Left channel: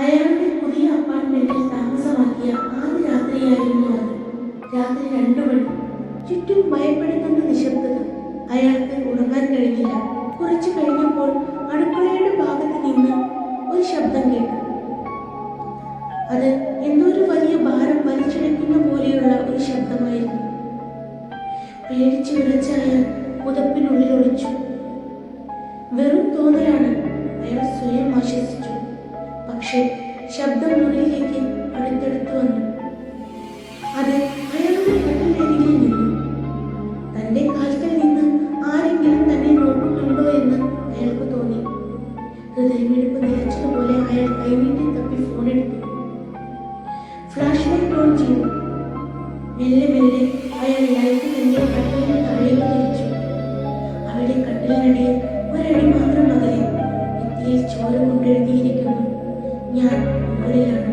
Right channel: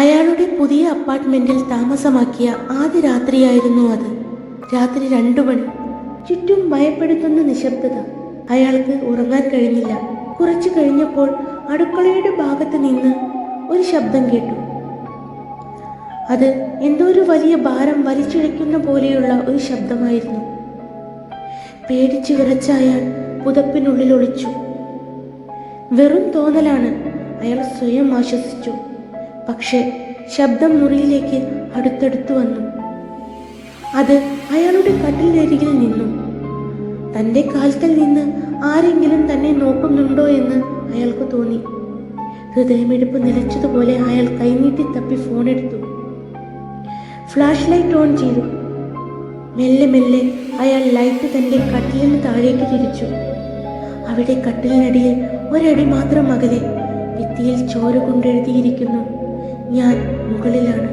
അയാളുടെ പുതിയ അപ്പാർട്ട്മെന്റിൽ താമസമാക്കിയ ആദ്യ രാത്രിയായിരുന്നു അത്. രാത്രി 2 മണി. ചുറ്റും ഭയപ്പെടുത്തുന്ന നിശബ്ദത. അയാൾക്ക് ഉറങ്ങാൻ കഴിഞ്ഞില്ല. കുറച്ചു കഴിഞ്ഞപ്പോൾ അടുക്കളയുടെ ഭാഗത്ത് നിന്ന് ഒരു ശബ്ദം കേട്ടു. അത് എന്തോ ഒരു വലിയ ഭാരം വലിച്ചിഴയ്ക്കുന്ന പോലെയുള്ള ഒരു ശബ്ദമായിരുന്നു. പേടിച്ചു വിറച്ച അയാൾ പുതപ്പിനുള്ളിൽ ഒളിച്ചു. വെറും തോന്നലാണ്, അയാൾ സ്വയം ആശ്വസിച്ചു. പക്ഷേ ശബ്ദം മുറിയിലേക്ക് അടുത്തടുത്ത് വന്നു. അത് അയാളുടെ കട്ടിലരികിൽ നിന്നു. തൻ്റെ കാൽക്കൽ നിന്ന് ആരെങ്കിലും തന്നെ നോക്കുന്നുണ്ടോ എന്ന് അയാൾക്ക് തോന്നി. ഹൃദയമിടിപ്പ് നിലച്ചതുപോലെ അയാൾ കൈനീട്ടി തപ്പി ഫോണെടുത്തു. ഫ്ലാഷ് ലൈറ്റ് ഓൺ ചെയ്തു. മെല്ലെ മെല്ലെ അയാൾ ലൈറ്റ് തൻ്റെ കട്ടിലിന് താഴേക്ക് തിരിച്ചു. അവിടെ കട്ടിലിനടിയിൽ ഒരടി മാത്രം അകലെ ഭിത്തിയിൽ ചോര കൊണ്ടെഴുതിയിരിക്കുന്നു, ഞാൻ മുകളിലാണ്.